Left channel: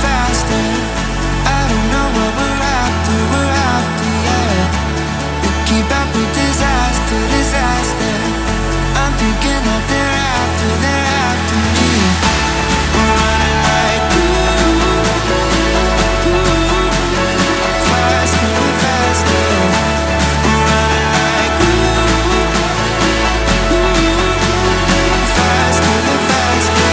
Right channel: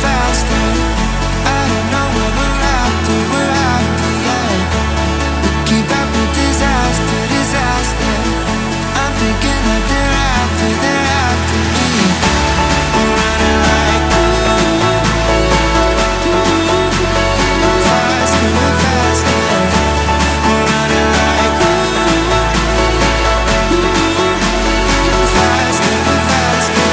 faster. I don't know what we're after, yeah. We keep up with disaster. I'm thinking that they're after me. We're running like faster and faster. We're running like faster and faster.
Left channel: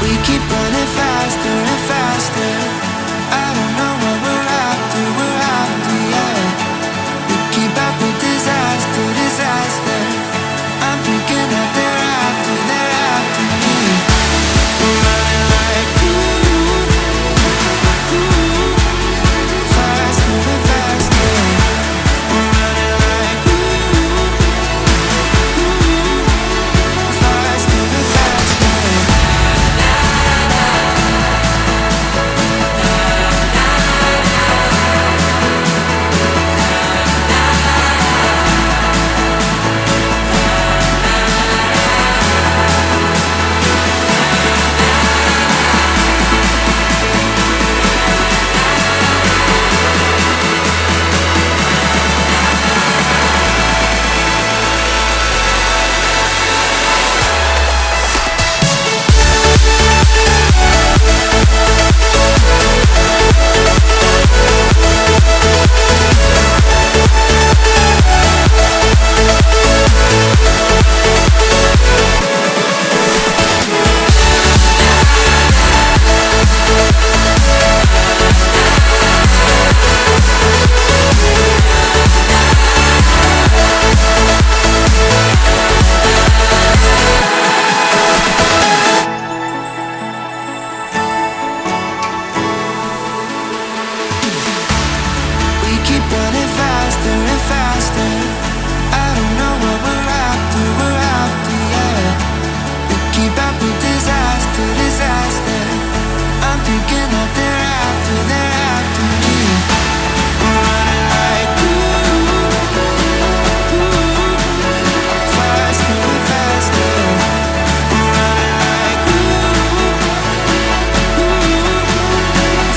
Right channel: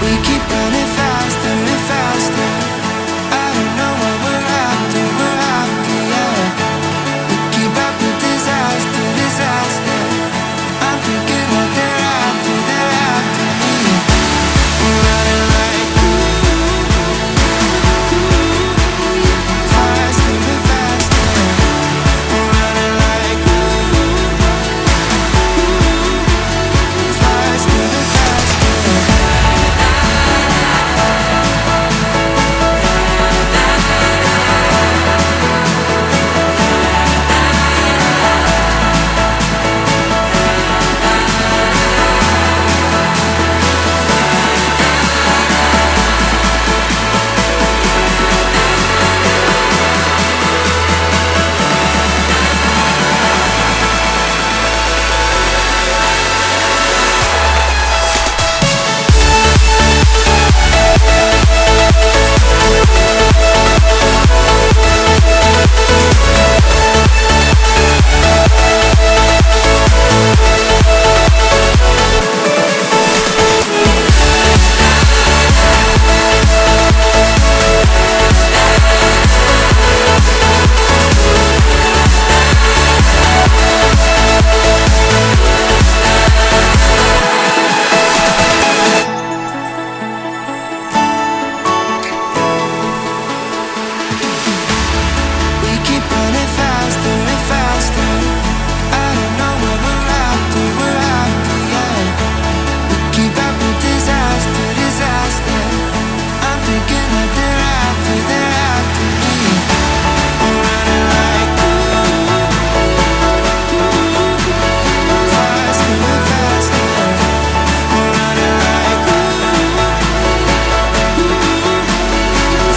We keep running faster and faster. I don't know what we're after, yeah. We keep up with disaster. I'm thinking that they're after me. We're running like faster and faster. We're running like faster and faster. Keep running faster and faster. I don't know what we're after, yeah. We keep up with disaster. I'm thinking that they're after me. We're running like faster and faster. We're running like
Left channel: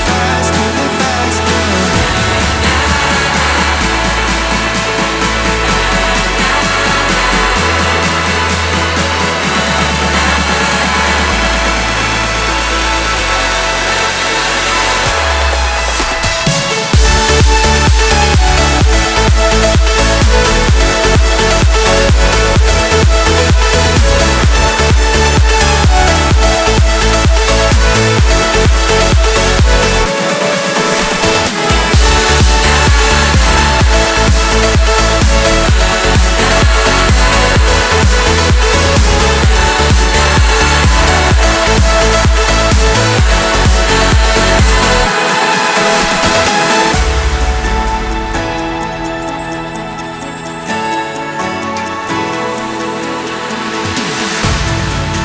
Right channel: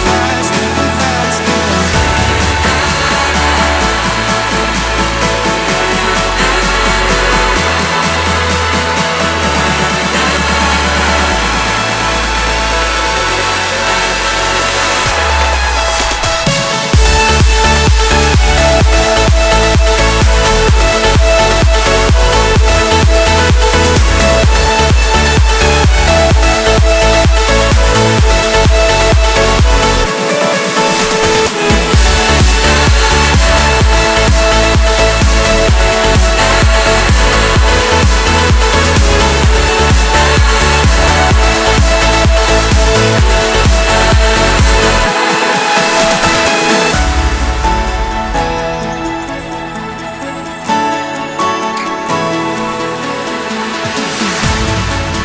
faster and faster.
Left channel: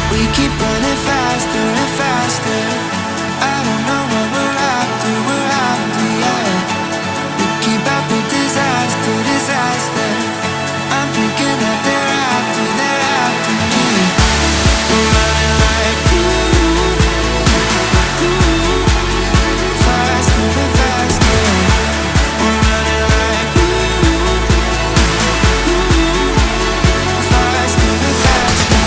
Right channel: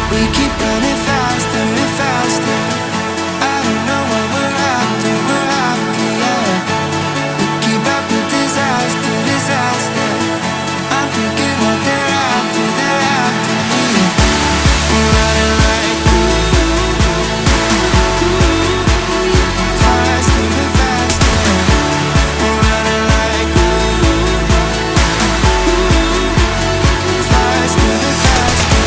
We keep running faster and faster. I don't know what we're after, yeah. We keep up with disaster. I'm thinking that they're after me. We're running like faster and faster. We're running like faster and faster.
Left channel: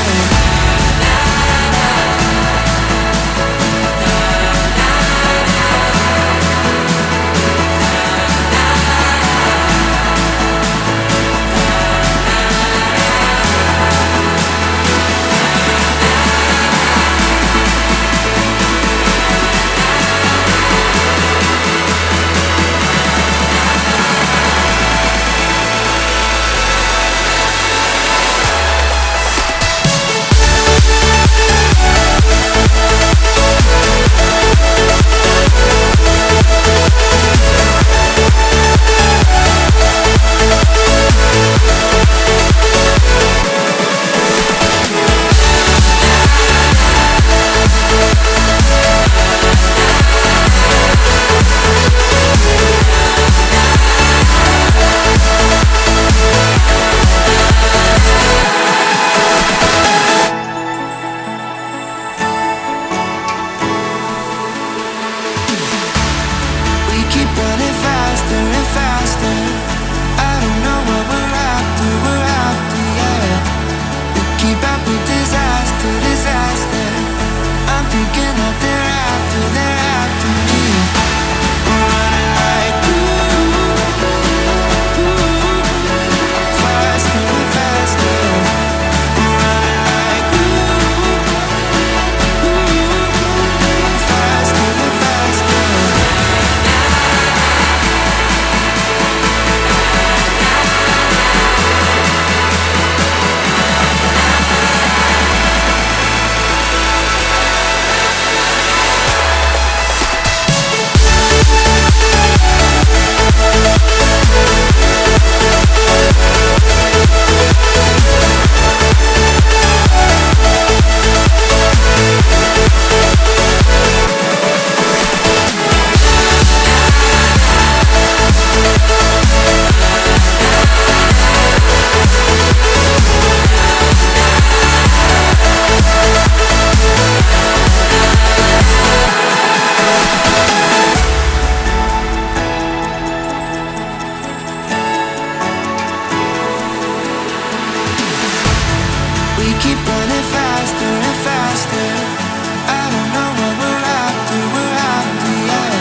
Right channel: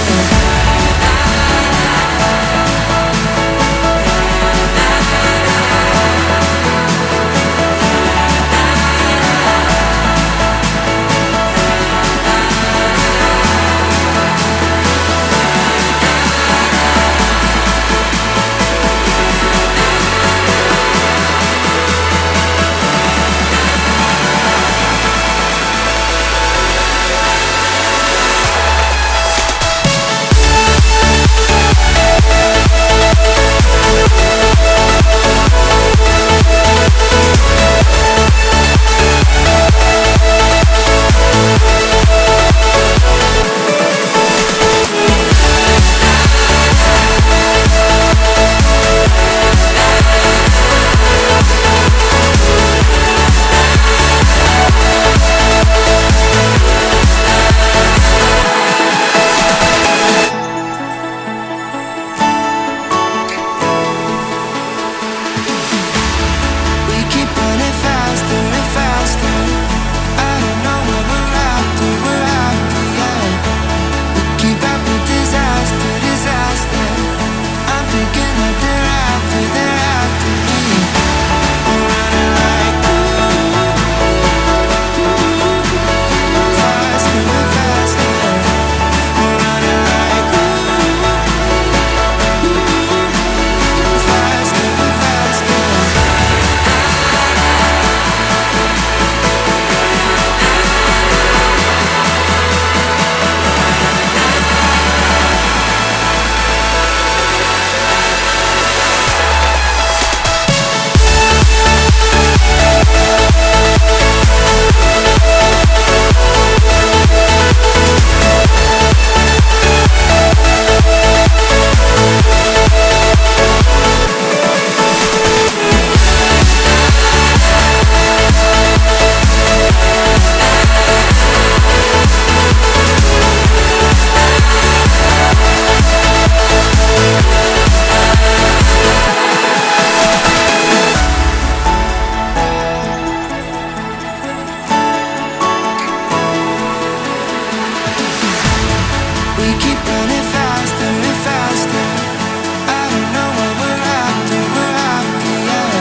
faster and faster. I don't know what we're after, yeah. We keep up with disaster, disaster. I'm thinking that they're after me. We're running like faster and faster. We're running like faster and faster. We keep running faster and faster. I don't know what we're after, yeah.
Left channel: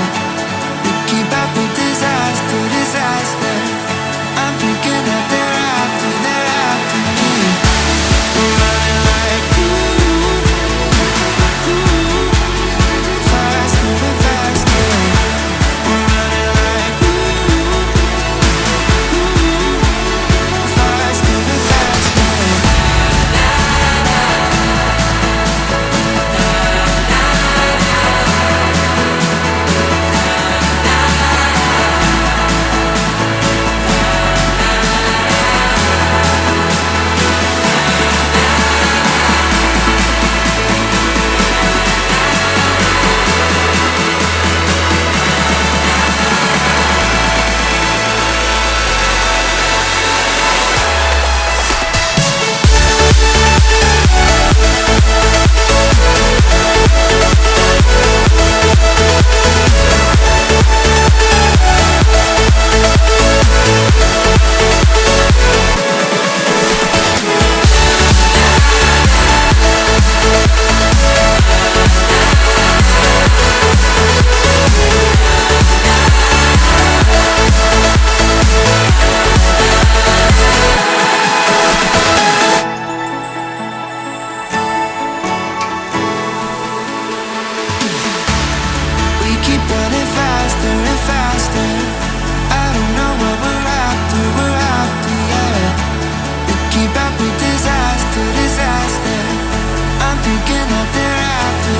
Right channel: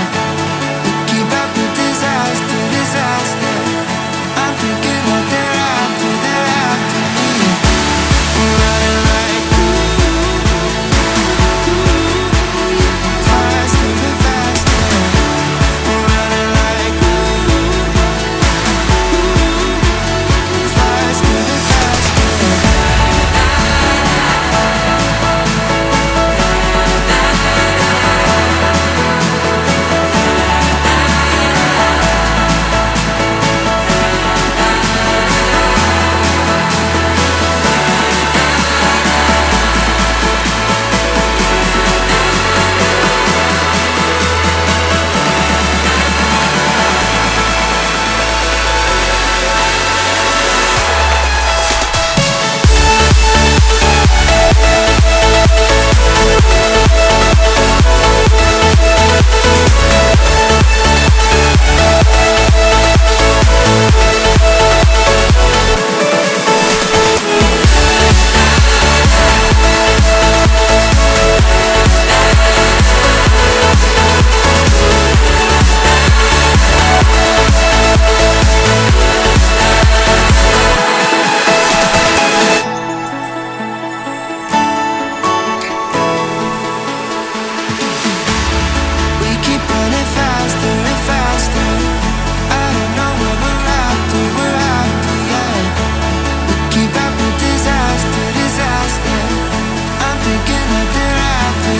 We keep up with disaster, disaster. I'm thinking that they're after me. We're running like faster and faster. We're running like faster and faster. We keep running faster and faster. I don't know what we're after, yeah. We keep up with disaster, disaster. I'm thinking that they're after